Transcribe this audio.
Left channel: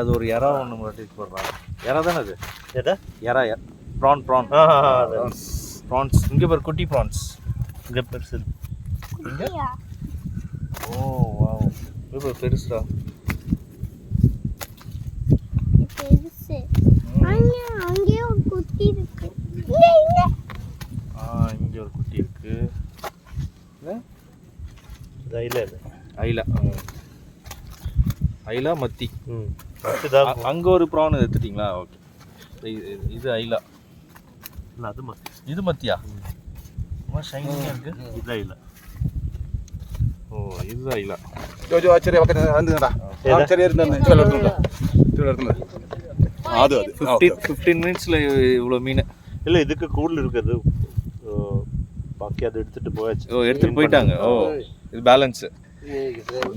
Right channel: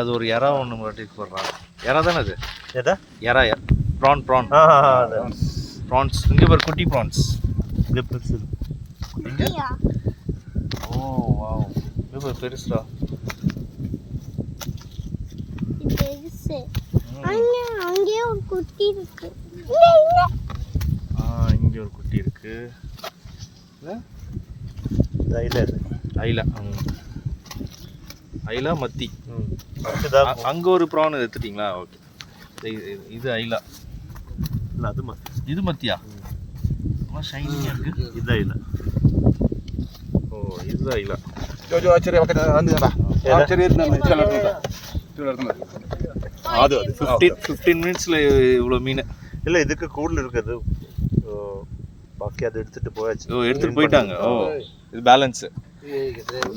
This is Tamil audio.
அது ஒரு இறா ஒன்று மாட்டிட்டு போடுறான். இறா தானே அது? எதா இறா ப்ரான் ப்ரான்ஸ். இங்கே பாரு குட்டி ப்ரான்ஸ். இது பெருசு. இங்கே ஓ வாவ், இது பாரு பெருசுடா. அங்கே ஒரு குட்டி இருக்கு. இங்கே ஒரு குட்டி இருக்கு. ஐலா ஐலா மத்தி. அங்கே ஒரு ப்ரான் எடுத்துட்டிங்களா? ஓகே. இது ஐலா இல்லை, அது மத்தி. இது மத்தியா? ரொம்ப ஷைனிங்காக இருக்கு. இது ஐலா. ஓ இது ஐலா. ചെറിയ 15 மினிட்ஸில் இவ்வளோ மீன். இல்லை, இதுக்கு கூடுதல் இருக்குது. பாக்கி அதை எடுத்துகிட்டு போயாச்சு. ஓ எடுத்துகிட்டு போயிட்டாங்க. ஓ இது பேலன்ஸு.